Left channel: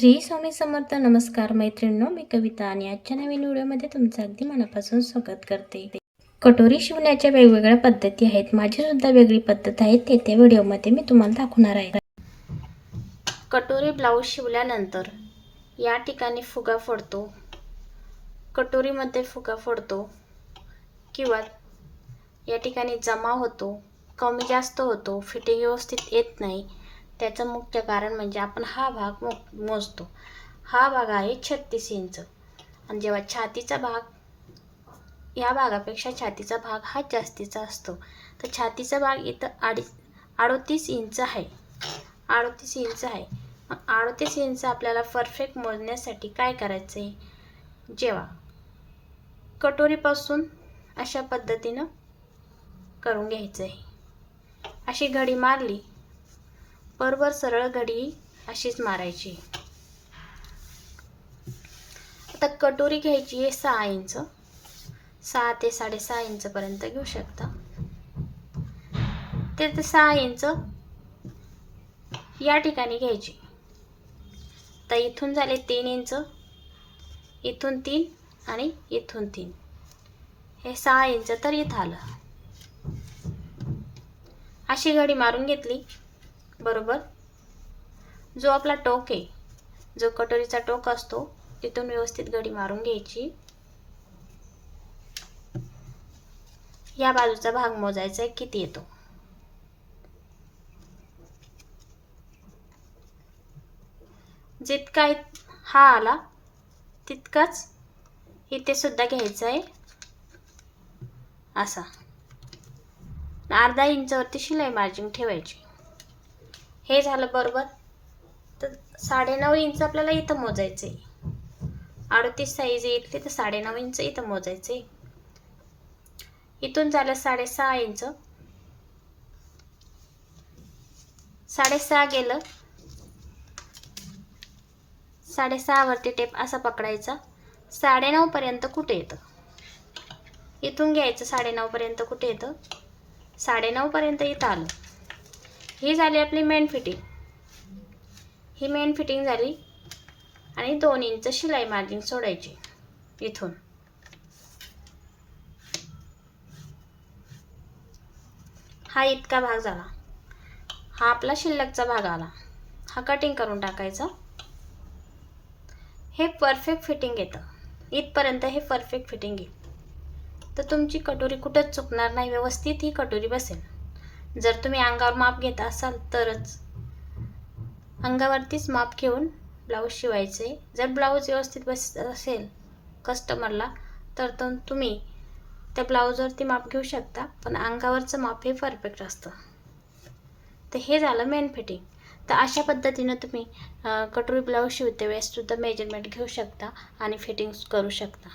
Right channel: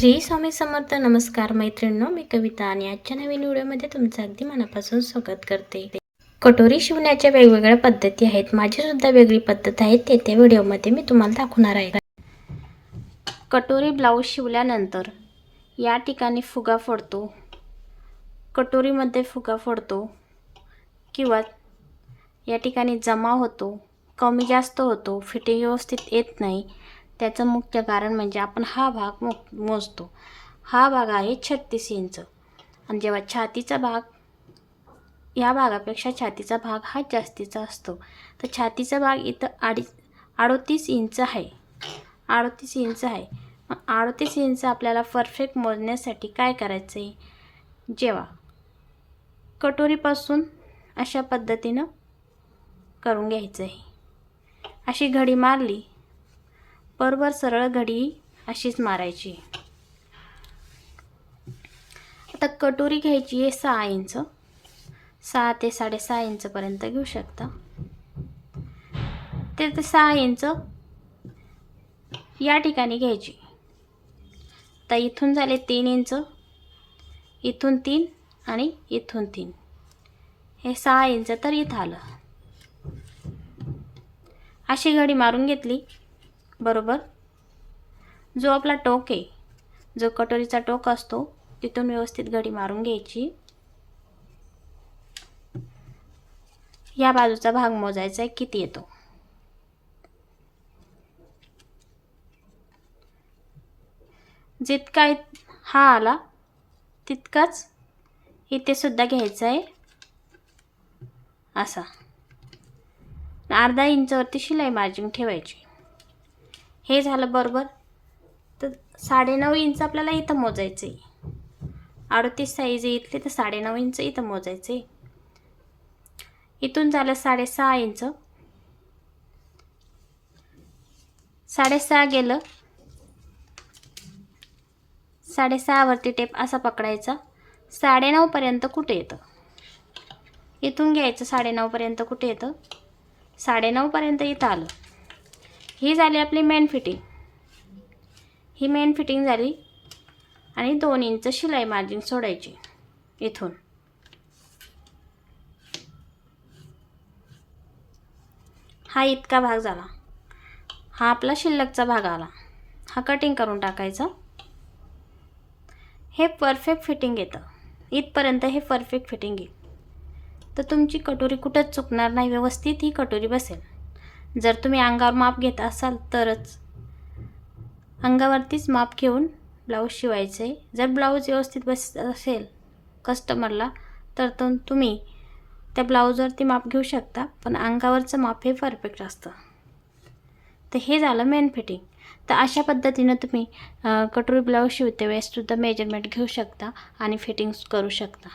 श्री स्वामी समर्थ नमस्कार मैत्रिणींनो मी कविता आणि आजच्या नवीन व्हिडिओमध्ये तुमचं अगदी मनापासून स्वागत करते. कटोरी शिवण्याच्या वेगवेगळ्या पद्धती आहेत माझी सुद्धा वेगळी पद्धत आहे ते त्या व्हिडिओमध्ये मी तुम्हाला दाखवणार आहे. कटोरी ब्लाऊज शिवल्यानंतर या ठिकाणी फुगा फोडतो. कटोरीमध्ये फुगा फोडतो किंवा या ठिकाणी जमा होतो कमी जास्त होतो फिटिंग व्यवस्थित येत नाही. त्याचं मुख्य कारण म्हणजे आपण हा भाग मो मोजतो. हा भाग आहे छत्तीस इंच. आणि जेव्हा छातीचा भाग या भागापेक्षा छातीचा भाग हा जास्तीचा असतो. तर छातीचा भाग इथं अडी अडोतीस इंच आहे. अडोतीस इंच आहे. मग अडोतीस इंच आपल्याला परफेक्ट मोजण्यासाठी काय करायचं आहे जेव्हा कटोरीपासून अशा पद्धतीनं करून घ्यायचं आहे अशी घडी मारली बरोबर सरळ घडी अशीच मारायची. आता कटोरी घ्यायची आहे सहा इंच. सहा ते साडेसहा इंचपर्यंत घेऊ शकता. ते ते सहा इंच या ठिकाणी घ्यायची. तर इथून झाले तीन इंच इथून तीन आणि इथून तीन. हे सहा इंच तर इथं आलं. अशी घडी मारून घेतली. बरोबर? जो आपला टोक आहे जो कटोरीचा टोक असतो तिथून व्यवस्थित घडी मारून घ्यायची. या बाजूचा भाग मोजायचा आहे किती येतो? जितका हा आला तितकाच इथे सुद्धा घ्यायचा आहे. असा. अर्धा इंचवरती शिलाई मार्जिन ठेवायची. हे झालं बरोबर. तर साडेनऊ इंच आपल्याला इथं मोजायचं आहे अडतीस साईज इथली तर साडेनऊ इंच इथं मोजायचं आहे इथून झालं साडेसहा इंच. साडेसहा गेलं. साडेसहावरती टेप असा पकडायचा. साडेनऊपर्यंत कुठे येतं? इथून घ्यायचं साडेनऊपर्यंत कुठे येतं? साडेनऊपर्यंत इथं आलं. ही झाली आपली मेन फिटिंग ही मेन फिटिंग झाली आणि दोन इंच शिलाई मार्जिन सोडायची इथून. हा इतका भाग झाला. हा आपला शिल्लकचा भाग आला. हा कटिंग करून टाकायचा. हे परफेक्ट फिटिंग येतं. इथपर्यंत हे परफेक्ट फिटिंग येईल. तर तुमची कटोरी कुठंच चुकणार नाही. व्यवस्थित ही कटोरी बसेल. जर तुम्ही अंगावर माप घेत असाल तरच. अंगावरतीच माप घेऊन ब्लाऊज शिवायचं. आहे जर ब्लाऊज व्यवस्थित बस असेल कस्टमरला तर तो तुम्ही त्या ब्लाऊजवरती माप घेऊ शकता पण अंगावरचं माप हे परफेक्ट असतं. तर हे झालं मेन फिटिंग तर अशा पद्धतीनं तुम्ही कटोरी ब्लाऊज शिवते वेळेस सुद्धा मेजरमेंट घेऊ शकता आणि फिटिंग्स करू शकता.